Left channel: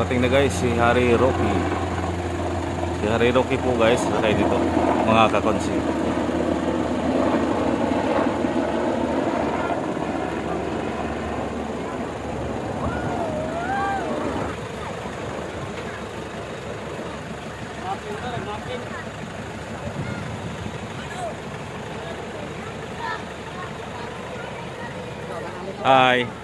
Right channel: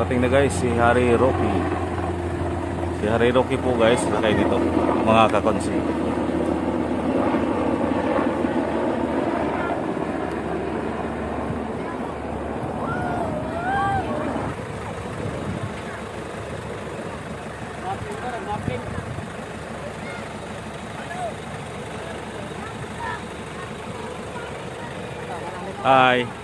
Parating na guys si Hari Roque. Si Hari Roque po guys, lakay dito mga kakonsi. Hi.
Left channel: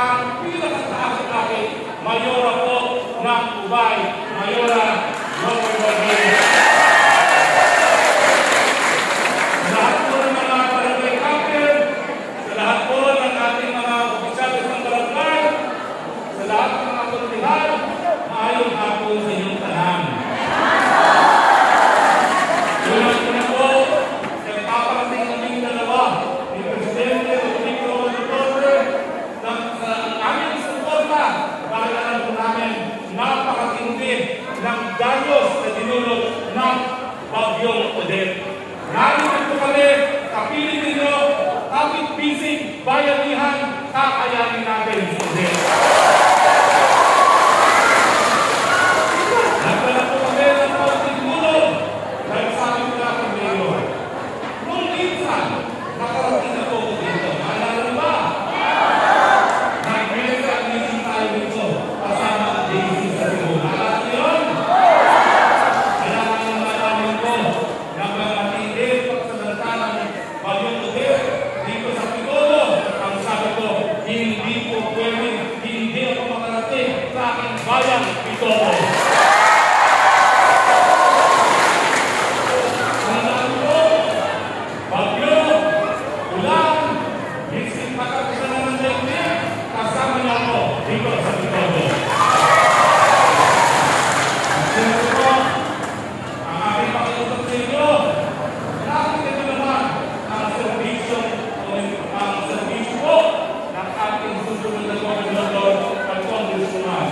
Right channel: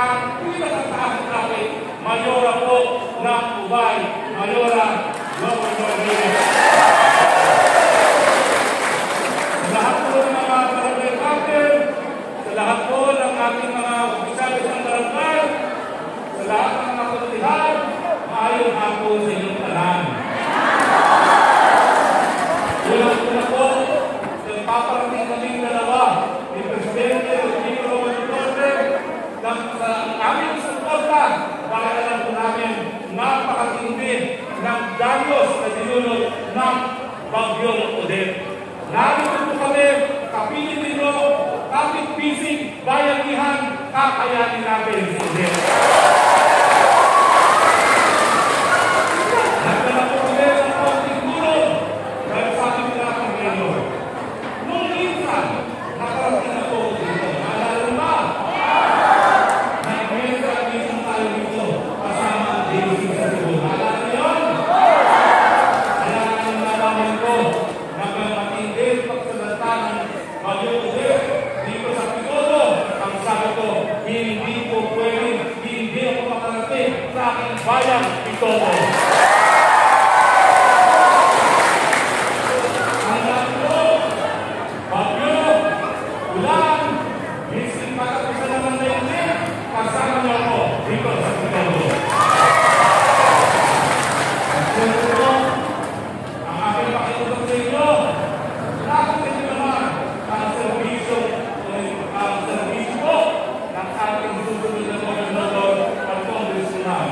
ang pinakataas natin, Mayora po ng Ubay, Mayora Roque. Sa lahat po ng mga barangay captain, sa lahat po ng ating mga opisyalis ng barangay, sa lahat ng mga komunidad, maayong hapon sa inyong tanan. Una po, sa paparating kaming dalawa ni Presidente Roque sa aming suporta dahil alam po namin napakatindi ng danyos na dinulot ng bagyong Odette. Narito po kami, kapiling ninyo, kapit-bisig, bayanihan, kakayanin natin si Odette. Nagdala po kami ng kaunting tulong dahil sa aming mga pamilyo. Nung minsan, nakarating na po dito. Naalala niyo ba? Nag-meeting tayo dito kasama ang binisita dito. Naalala niyo yun? Kaya namin malaman ko nagmamatindi pagsalanta ng bagyong Odette dito sa pitogo. Ang sabi ko, hindi po pwedeng, hindi ako makarating sa aking bayang pitogo. Ang sabi ko, bagyo, ulan, minsan matapusan na ng daigdig, kasama niyo ako dito sa pitogo. At siyempre po, ang aking pakiusap sa inyo, nakakita nyo naman ang servisyo po ng ating susunod na gobernador at congressman.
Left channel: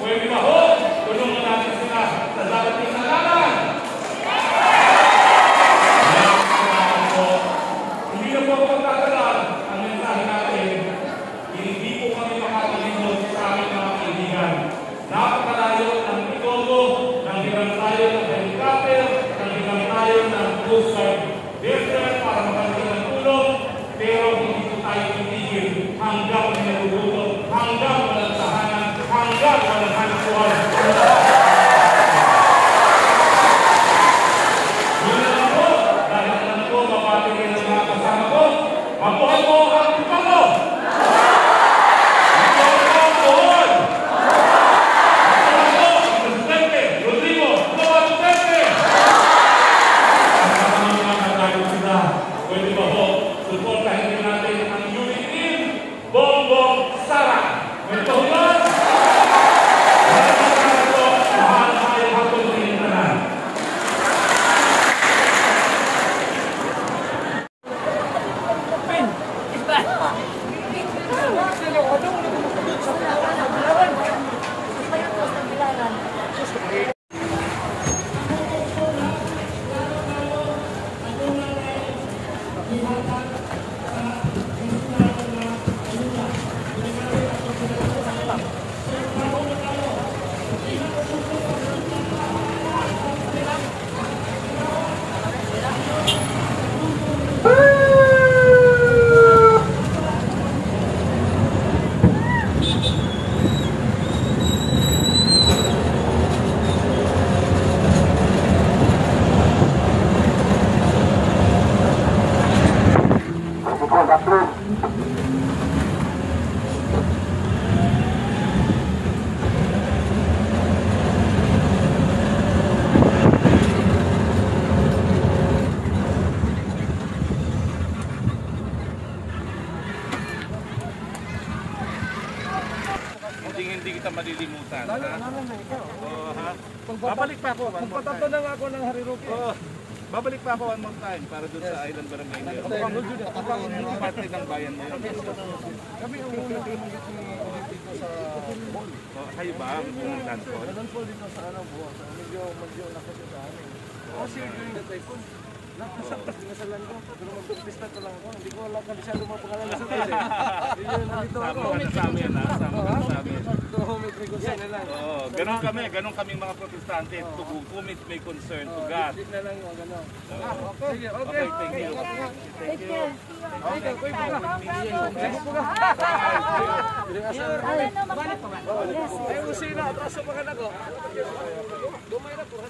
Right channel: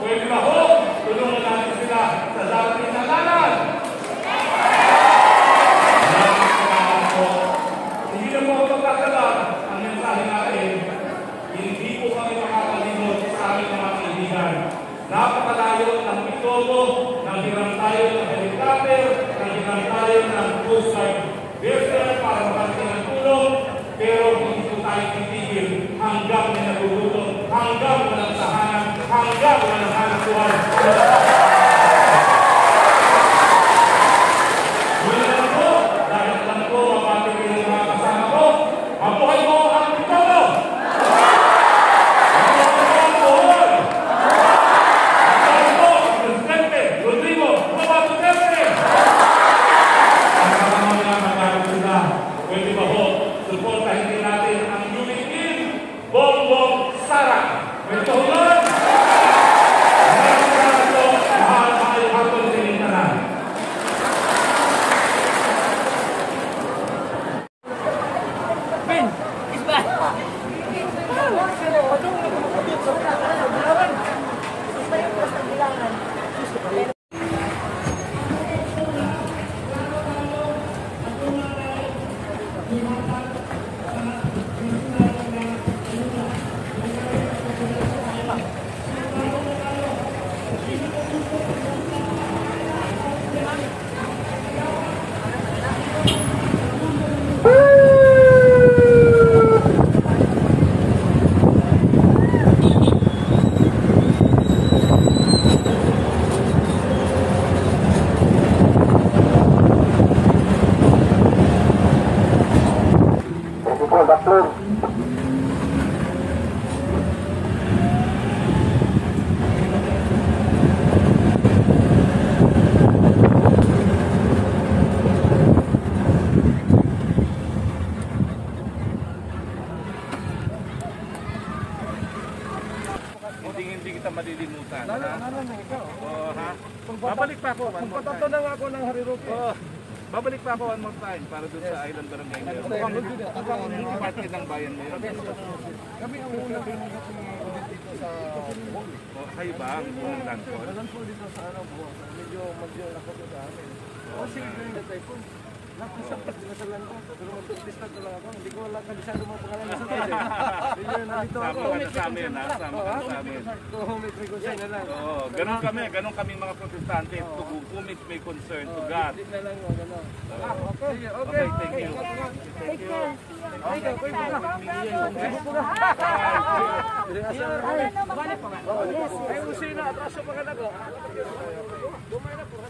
Pwede ba ho? Tulungan natin sila sa darating na lalan. Salamat po. Hindi na po ako magkakalang ang mensahe natin. Hindi po kami makakalimot sa aming mga kaibigan. Napakalayo ng pitogo, nanghiram tayo ng helicopter, nanghiram tayo ng cruise vessel para makarating ng tulong, pero hindi po tayo titigil hanggang may nagugutom, hanggang walang tahanan, hanggang walang hanap buhay. Mula lang po, dahil alam ko, mapatigil ang mga kasama ko, mabuhay mo ang pitogo! Mabuhay mo ang buhol! Pwede ba ho, supportahin din natin ang unit team, Bongbong Sara. Pwede ba ho yun? Maraming po, mahal hapon sa inyong tanan. Hindi kita malilimutan. Lalo na ikaw. Ha? Babalik pa ako one more time. Magpatato na nga ako ng Roque. Babalik pa ako one more time para doon sa island barangay ngayon. Mukhang parte ng bayan na yun. Kami ang unang pumunta ni Odette dito sa mall. Kayo ba ang unang landfall? Landfall dito sa buwan. Medyo lakas sa amin. Kasi during the typhoon, lahat ng sampis dinasalan ko. Pero mag-testa ko lang ako. Hindi ko lang kabisado mga pangalan sa taas eh. Nandito ako. Sama ka na sa amin, ha? Sama ka na sa amin. To whom it may concern na lang. Ganun kaming mga protestante. To whom it may concern, to God. Hindi na lang yung gano'n. Okay, thank you. Thank you. Ay, uso yun na. Atraso pa ka na ko. Dumay na po.